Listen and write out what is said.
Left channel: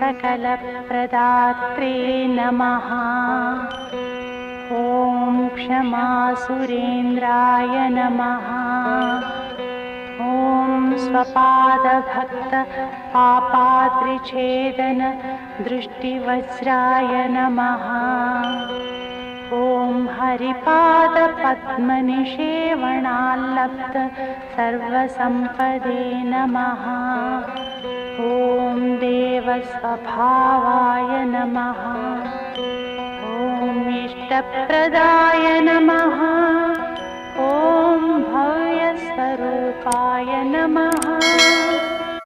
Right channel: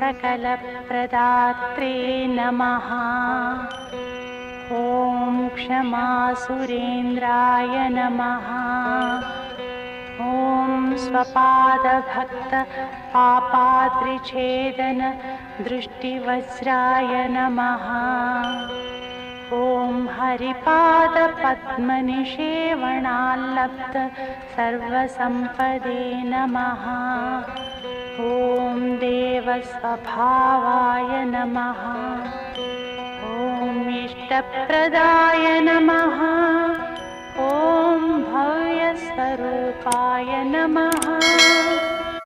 सकलप्रदात्रे नमः। ॐ क्षमासुरेन्द्राय नमः। ॐ स्वपादभक्त पापाद्रिछेदन दृष्टिवज्राय नमः। ॐ हरिपादपद्मनिषेवणाल्लब्ध सर्वसम्पदे नमः। ॐ देवस्वभावाय नमः। ॐ इष्टप्रदाय नमः।